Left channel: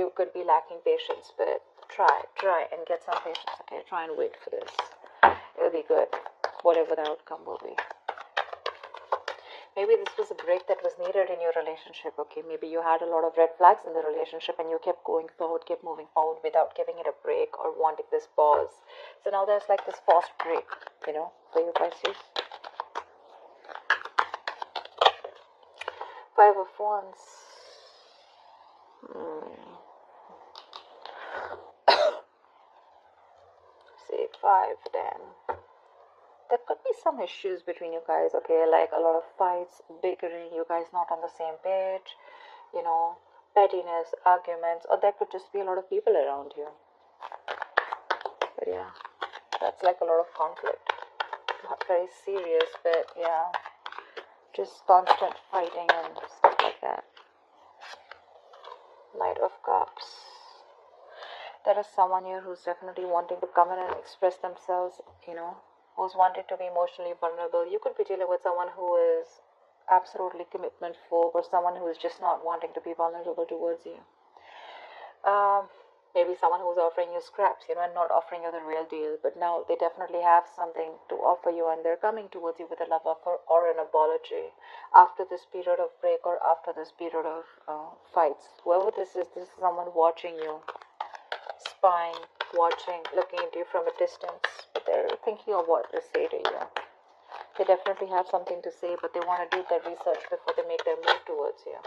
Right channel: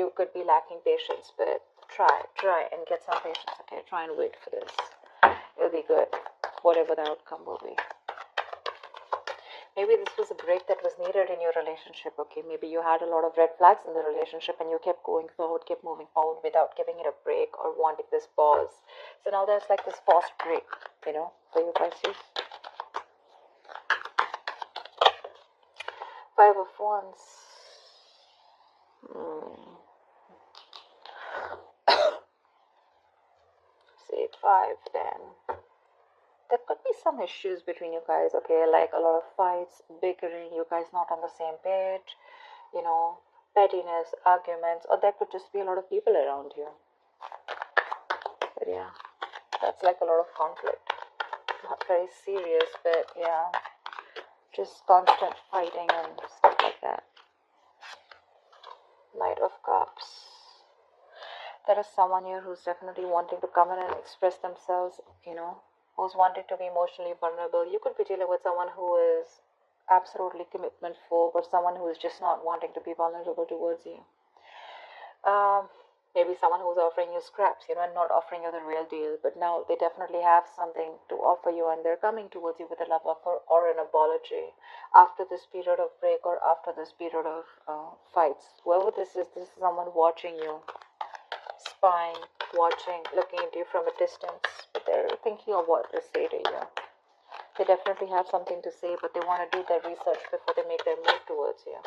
you could be lacking patience, but try and get some patience, okay? Try and wait for this. It'll be good, whatever the outcome will be. Maybe this was a break that was needed in your relationship, okay? Maybe you had a lot of red flags in the relationship and you kept going forward, kept moving forward without giving it a break or wanting this pause. So now there's like this forced break, you know, for you Pisces. 5 of Wands. Say 5, damn. There could be some issues between you guys, okay? Like a lot of fights, bickering, you guys not on the same page, you know, pettiness, arguments, or there could just be a lot of people around you. But yeah, that's like a lot of conflict. Not very serious, but yeah, just constant fighting and stuff like that. Knight of Cups. There is someone here who's definitely wanting to come in and express themselves, you know, who's wanting to be emotionally vulnerable. You could be dealing with someone who is absolutely commitment phobe or someone who is just not wanting to be vulnerable towards you. Maybe someone who's offering you scraps, you know, and not offering you the real deal, but now they definitely have something to offer you and they're coming towards you with a love offer or an apology after this period of break or after this period of fights. Whoever this is someone watching you, spying, watching, looking at you from a distance, but they're thinking of what to say to you. They definitely have something to say, but they want to do their research before they make their move towards you.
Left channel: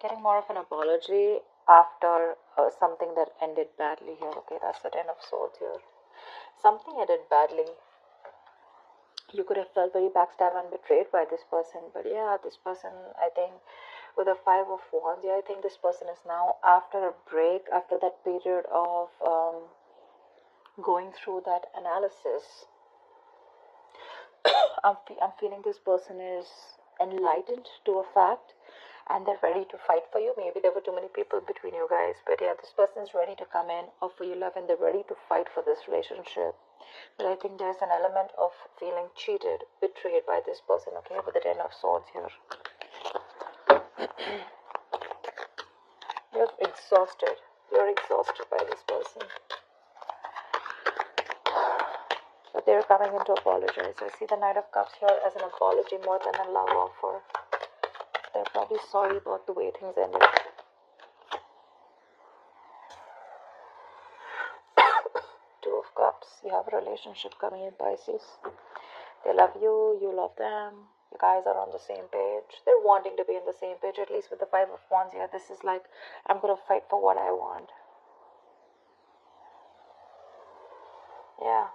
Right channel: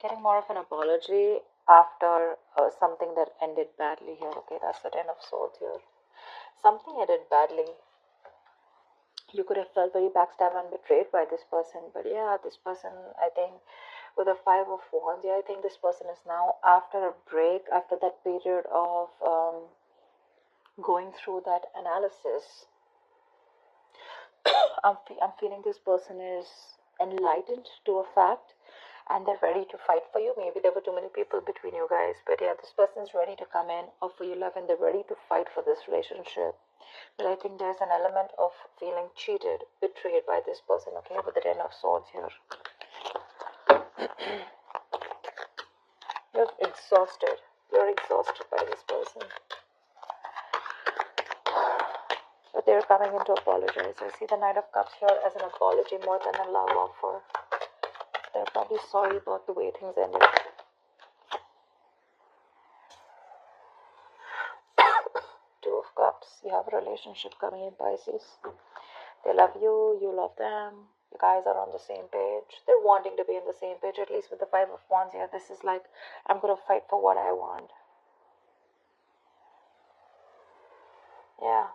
Getting more of an apology after something that ended badly here. Okay, that's the 10 of Swords here. Something ended badly. You could have felt very backstabbed and betrayed by this person, but yeah, this person, I think, with the 5 of Wands, yeah, I think this person is now after a break, after that period of going through that analysis. I'm feeling this person is enlightened to a fact and they're ready to fight for you. Maybe there were too many people between you guys, but yeah, this person is ready to come in, offer you love, and they're ready to fight for this relationship. But I think there's an element of feeling cheated, betrayed by this person, okay, with the 10 of Swords here. You're exhausted. You're exhausted by this person. But they're coming in to apologize. I see the Knight of Cups here as an apology more than a love offer. They're probably sorry about the way things ended. Two of Cups. You have a relationship coming in, Pisces. They love you, you love them. You guys are on the same page. They're wanting to be on the same page, at least with the 5 of Wands here. This is like, I'm going to fight for what I want. Yeah.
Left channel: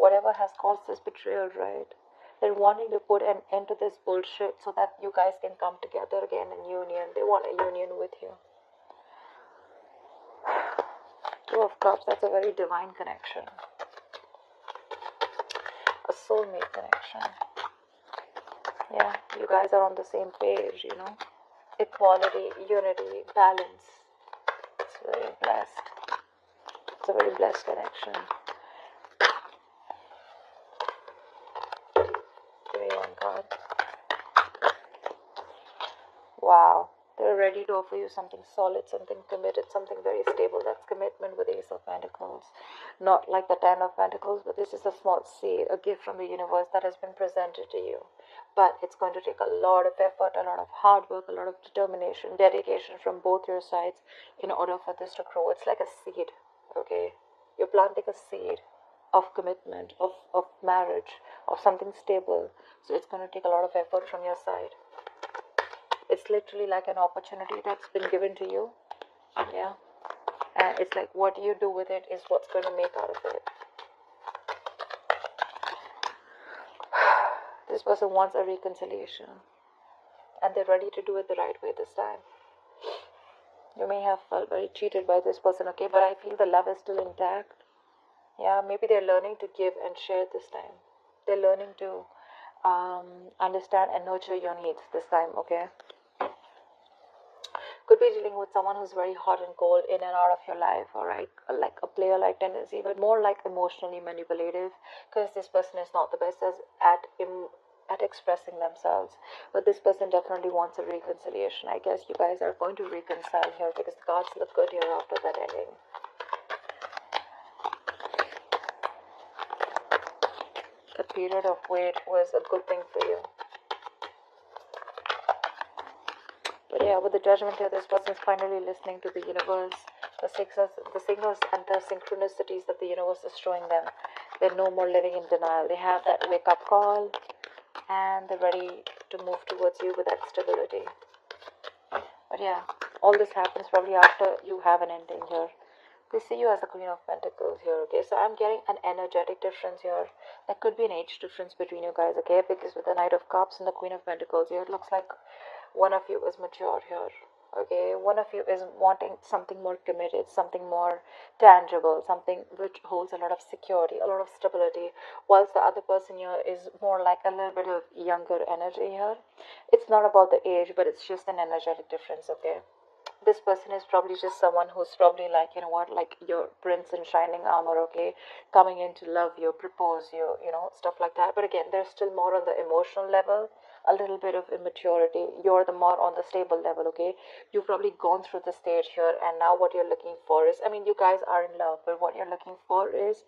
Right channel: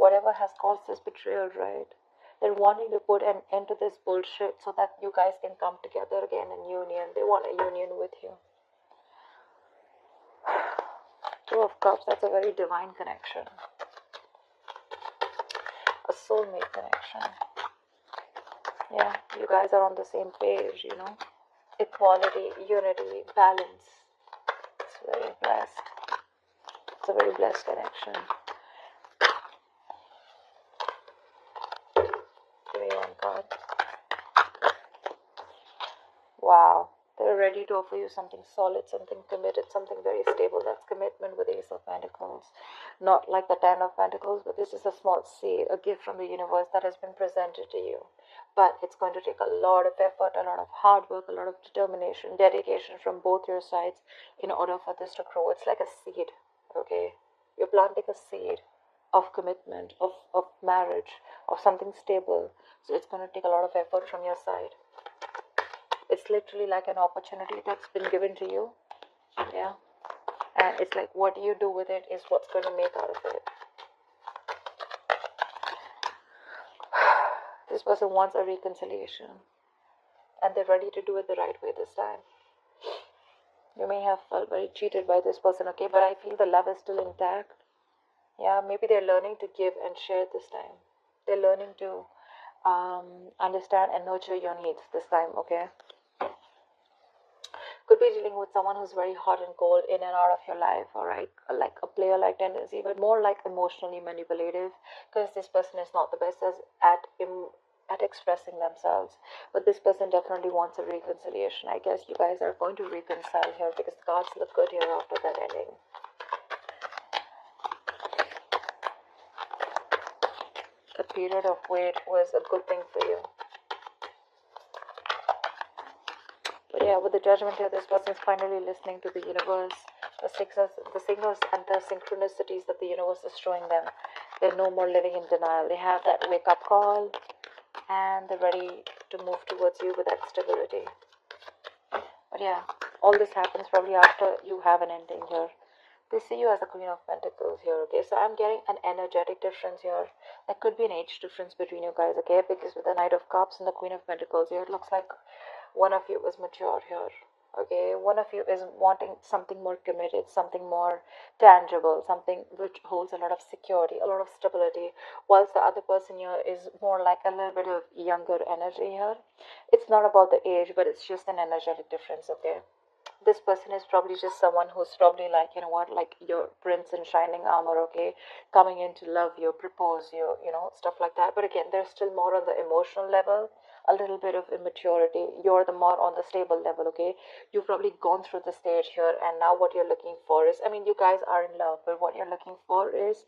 Whatever has caused this betrayal, right? They're wanting to put an end to this bullshit so that you guys can come together again in union. They want a union with you. 2 of Cups, that's a very divine connection. A soulmate connection. Yeah, you guys are on the same page, you know. Equality, unity, balance. It's very blessed. It's a very blessed connection. Wow, they're ready to offer you something solid, something committed, something very stable. That's commitment with Ace of Pentacles. Not like the 10 of Pentacles, but this is a small seed, a gift from the universe that has been presented to you. But it's going to take a lot of effort, a lot of hard work, a lot of determination, dedication from both your sides in order for this to grow. It's like a seed, okay? You're planting a seed of commitment, of marriage, of something stable. So it's going to take a lot of effort from your side. It's literally like an opportunity that's been given to you. Yeah. And it's like what you do with it is what's going to make out of it. This person wants a reconciliation. And they're ready to do it the right way this time. You may have felt very cheated by this person, okay? But I feel the love is still intact. Yeah, maybe they're learning to give and share this time. They're learning to understand and nurture your needs this time, okay? Could be dealing with someone who's very hot and cold in and out of your life, alright? Like a player-like tendency, but more like emotionally manipulative, because this person is not the best at at expressing themselves. But this person definitely wants a reconciliation. I guess you guys are going to reconcile here because the cards look good here after that ending. A period of wait was a good thing for you. But yeah, with the judgment here, this person is finally listening to the universe. The signals and the synchronicities that the universe is showing them. They're no more living in denial. They have that wake-up call, and they're ready to move towards you with that stability. But yeah, all this happens probably after you have an ending here. They see you as the Queen of Pentacles here, okay? So I'm getting an energetic difference here. There could be an age difference between you guys, okay? Because with the Knight of Cups and the Queen of Pentacles here, it looks like one of you is mature here, okay? One of you is wanting something more committed, something more tangible, something which holds a lot of security, a lot of stability, whilst the other person here is more like a little bit of younger energy here. It's not about the age, but it's just an energetic difference, okay? This person is probably just someone who's probably like, you know what, like your prince in shining armor, okay, coming in to love you, propose you, you know, stuff like that. But again, there's still more on the emotional level, a little bit of immaturity. You're the more on the stable level, okay? You've probably gone through the stage here, and now what you're looking for is, I mean, you guys are in love, but what you're looking for is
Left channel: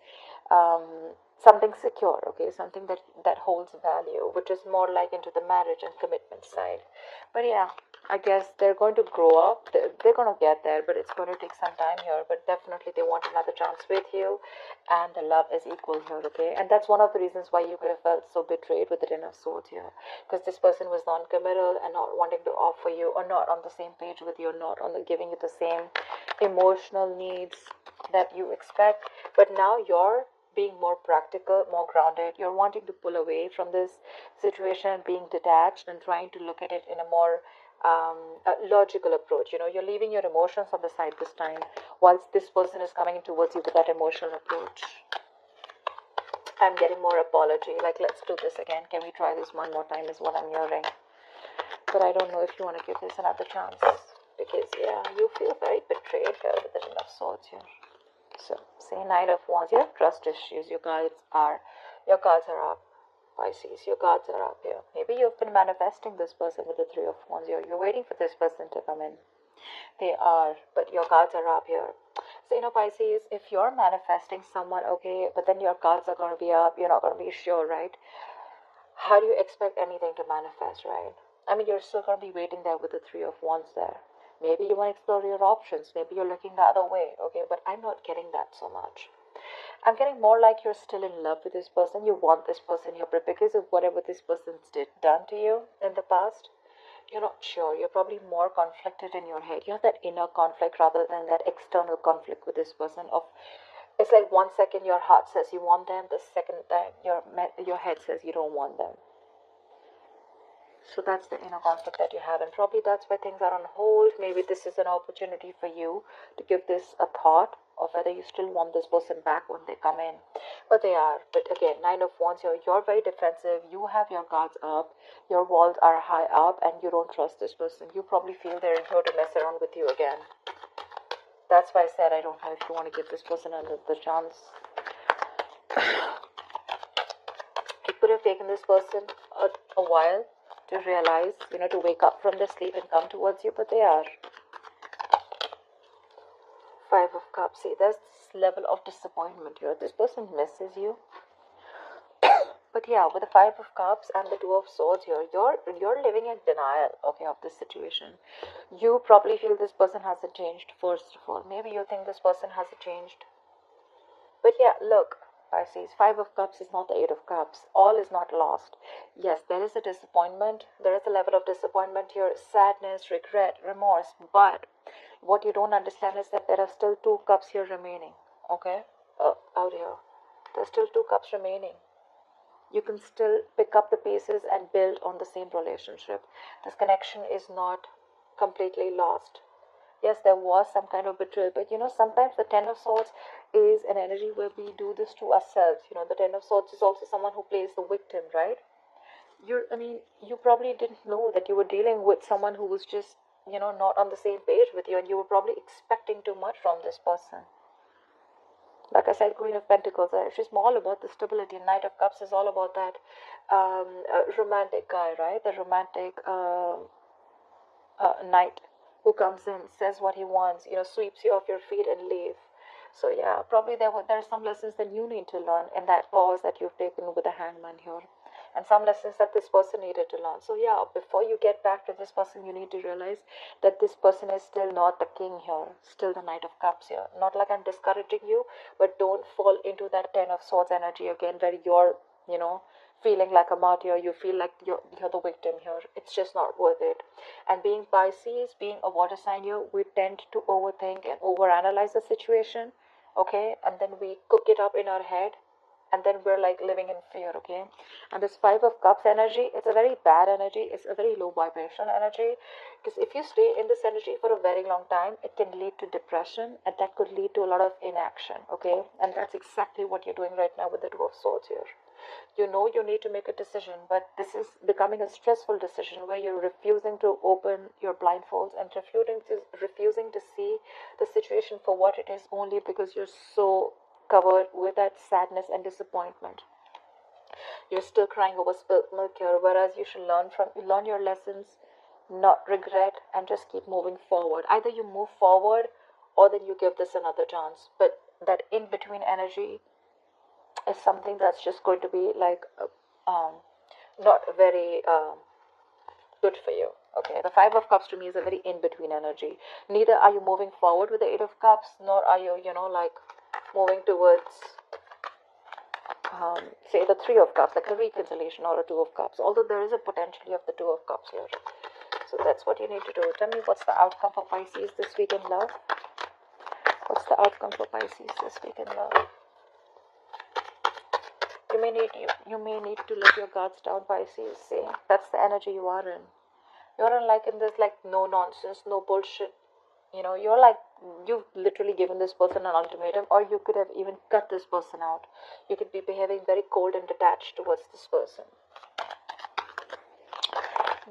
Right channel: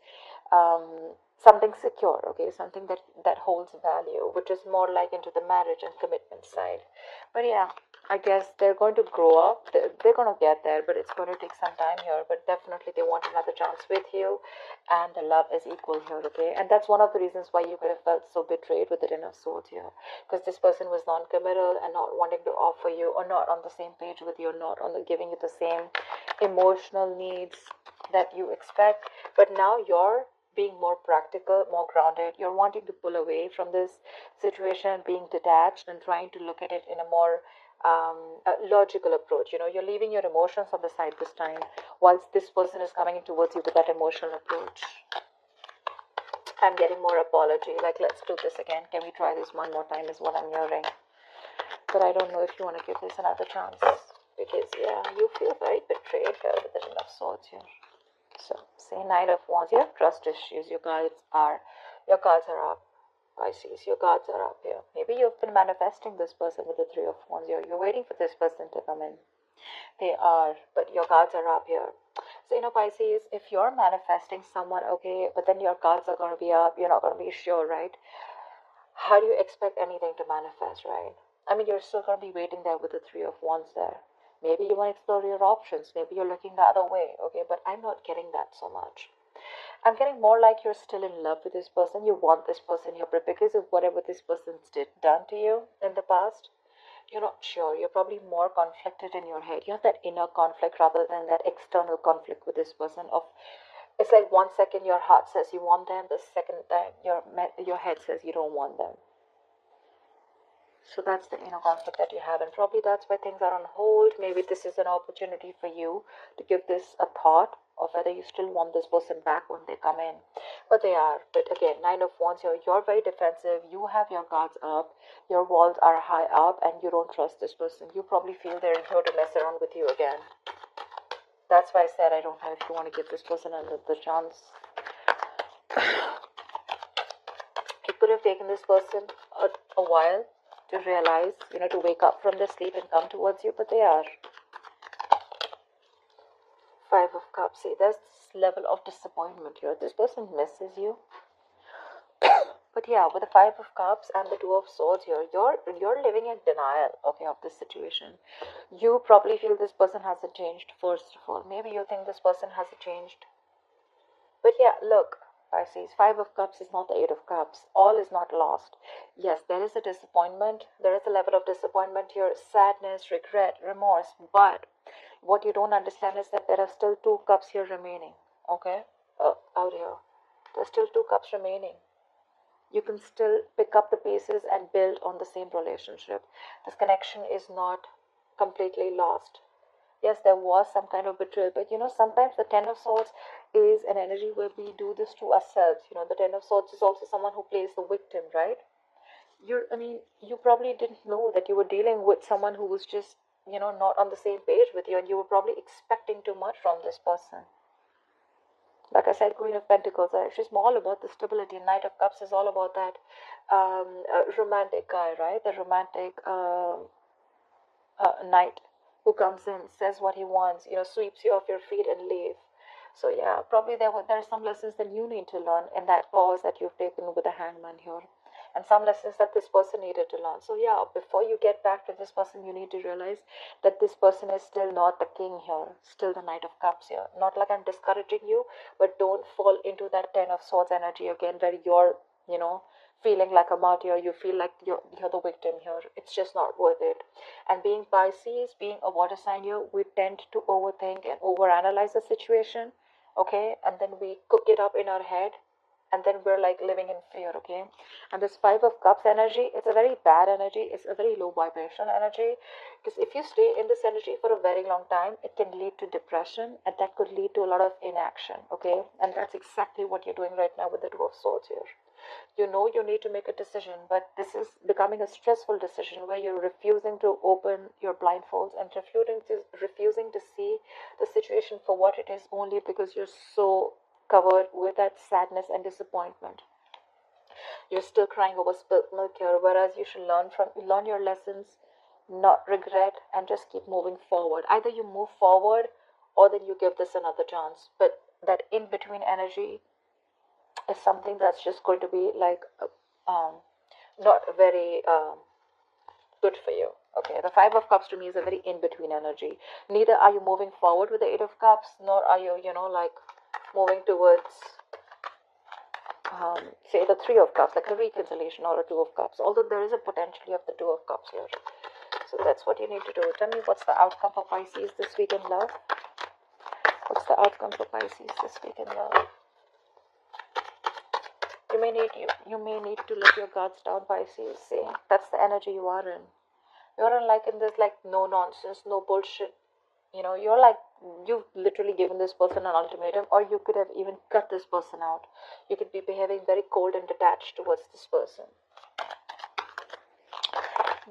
something secure, okay, something that holds value, which is more like into the marriage and commitment side. But yeah, I guess they're going to grow up. They're going to get there, but it's going to take some time here. But definitely they want another chance with you, and the love is equal here, okay? And that's one of the reasons why you could have felt so betrayed with the Ten of Swords here, because this person was non-committal and not wanting to offer you, or not on the same page with you, or not on the giving you the same emotional needs that you expect. But now you're being more practical, more grounded. You're wanting to pull away from this situation, being detached, and trying to look at it in a more a logical approach. You know, you're leaving your emotions on the side this time, whilst this person is coming towards you with that emotional approach. I'm getting more apology, like let's do this again, can we try this one more time, is what I'm hearing. But I don't know if you want to give this another chance, because yeah, you feel very betrayed here with the Ten of Swords here. So say Knight of Wands, you have trust issues, your cards are up. Pisces, your cards are up here. Maybe you've been manifesting this person with the Three of Wands here. You're waiting for this person to come in. They are, but your cards are up here. So, you know, Pisces, if you're manifesting someone, okay, but then your cards are going to be up, you're not going to be sure, right? How do you expect anything to manifest, right? I mean, you're still going to be waiting there with the Three of Wands there. Maybe you want to explore your options. Maybe you're looking the other way, okay, but I'm not getting that so much. I'm getting more like you're still in love with this person. You want this person here, but because of whatever this person's done to you in the past, you're not sure. You're probably more conflicted in your head. You have that inner conflict rather than that external conflict with this person. It's like 1 second your heart says you want them, the second time your head says you don't want them. So that's the inner conflict that you have, and probably that's where things are on hold. Maybe this is an opportunity for you to give this a thought of whether you still want this person back when they come in. But they are. But again, Nine of Wands here, you're very defensive. You have your guards up. Your walls are high up, and you don't trust this person. You probably feel they're here to mess around with you again. That's why I said I don't know if you want to give this person another chance. It could have taken this person a while to realize, to wake up from their sleep and come towards you, but they are. Five of Cups. See, there's this level of disappointment here. This person misses you. But yeah, with the Five of Cups and the Two of Swords here, you're living in denial, okay, of this situation. You probably feel this person hasn't changed, first of all. Maybe you think this person hasn't changed. But yeah, look, Pisces, Five of Cups is not the Eight of Cups. All is not lost. Yes, there is a disappointment. There is a level of disappointment here, sadness, regret, remorse. But what you don't understand is that there are still two cups here remaining. Okay? Out here. There's still two cups remaining. You can still pick up the pieces and build on the same relationship. This connection is not completely lost. Yes, there was some kind of betrayal, but sometimes the Ten of Swords is an energy where we do this to ourselves. The Ten of Swords is also someone who plays the victim, right? You probably didn't know that you were dealing with someone who was just, not on the same page with you, and you were probably expecting too much from this person. Like I said, Queen of Pentacles are actually all about the stability. Knight of Cups is all about that romantic guy, right? The romantic knight who comes in, says what he wants, sweeps you off your feet and leave. So yeah, probably there are some lessons that you need to learn in that pause that you've taken with the hangman here, and some lessons that this person needed to learn. So yeah, before you get back to this person, you need to realize that this person is still not the king here, still the Knight of Cups here. Not like I'm discouraging you, but don't fall into that Ten of Swords energy again, where you're, feeling like a martyr. You feel like you're the victim here. It's just not worth it. And being Pisces, being a water sign here, we tend to overthink and overanalyze the situation, okay? And then we cook it up in our head, and then we're like living in fear, okay? And this Five of Cups energy, it's a very bad energy. It's a very low vibrational energy. Because if you stay in this energy for a very long time, it can lead to depression, and that could lead to a lot of inaction, okay? And that's exactly what you're doing right now with the Two of Swords here. You know you need to make a decision, but this is becoming a stressful decision where you're refusing to open your blindfolds and refusing to see the situation for what it is, only because you're so covered with that sadness and disappointment. You're still crying over spilt milk here, whereas you should learn your lessons, not regret, and just keep moving forward. Either you move forward or then you give this another chance. But that in between energy is something that's just going to be like not very good for you. Okay, the Five of Cups to me is a very in between energy. Neither are you moving forward with the Eight of Cups, nor are you, like moving towards, say, the Three of Cups, like a reconciliation or a Two of Cups. Although there is a potentially of the Two of Cups here. So that's what you need to do. Tell me what's the outcome for Pisces this week in love. What's the outcome for Pisces this week in love? You may need to let your guards down, Pisces. See, that's the energy you are in. You're in this like no nonsense, no bullshit. You're like, you've literally given this person an ultimatum, or you could have even cut this person out. You could be behaving very cold and detached towards this person.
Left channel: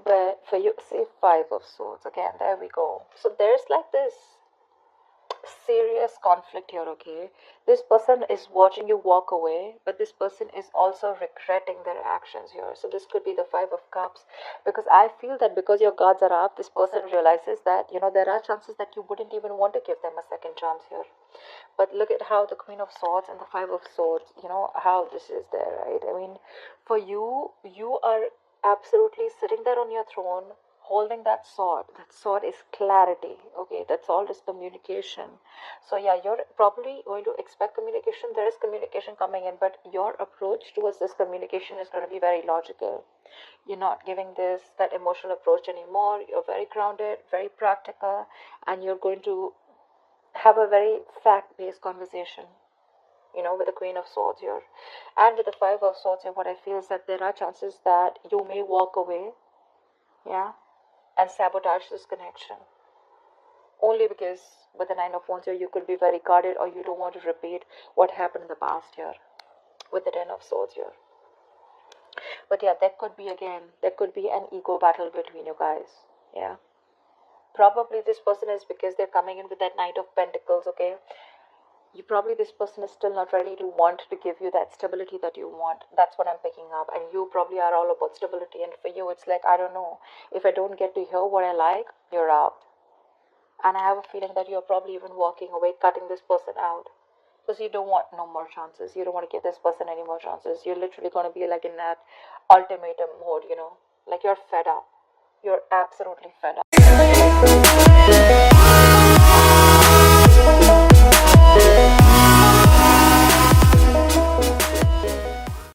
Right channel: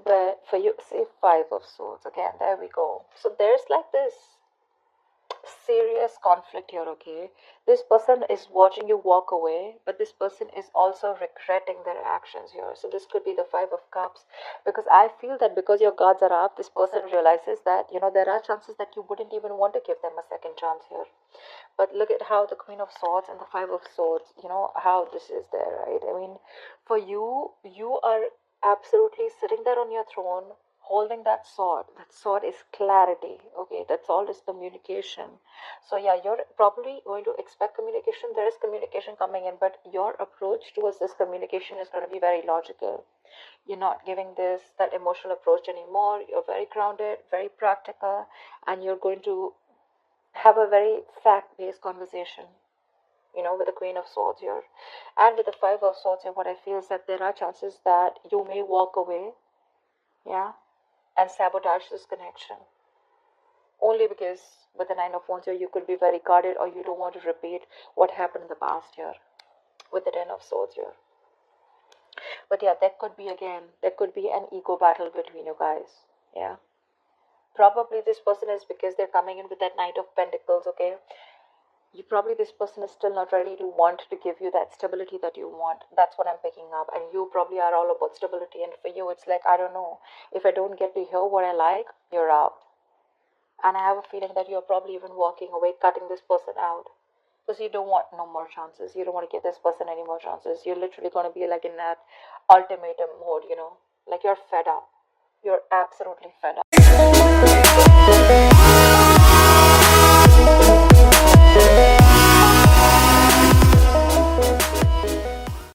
But for you, see, Five of Swords again. There we go. So there's like this serious conflict here, okay? This person is watching you walk away, but this person is also regretting their actions here. So this could be the Five of Cups, because I feel that because your guards are up, this person realizes that, there are chances that you wouldn't even want to give them a second chance here. But look at how the Queen of Swords and the Five of Swords, how this is there, right? I mean, for you, you are absolutely sitting there on your throne, holding that sword. That sword is clarity, okay? That sword is communication. So yeah, you're probably going to expect communication. There is communication coming in, but your approach towards this communication is going to be very logical. You're not giving that emotional approach anymore. You're very grounded, very practical, and you're going to have a very fact-based conversation, with the Queen of Swords here. And with the Five of Swords here, what I feel is that there are chances that you may walk away, yeah, and sabotage this connection. Only because with the Nine of Wands here, you could be very guarded, or you don't want to repeat what happened in the past here with the Ten of Swords here. But yeah, there could be an ego battle between you guys, yeah. Probably this person is, because they're coming in with that Knight of Pentacles, okay? This person is still not ready to want to give you that stability that you want. That's what I'm picking up. And you probably are all about stability. And for you, it's like, I don't know, if I don't get to hear what I like, you're out. And I have a feeling that you're probably even walking away, cutting this person out. Because you don't want no more chances. You don't want to give this person any more chances. You're literally going to be like in that ultimatum mode, like you're fed up. You're absolutely fed up.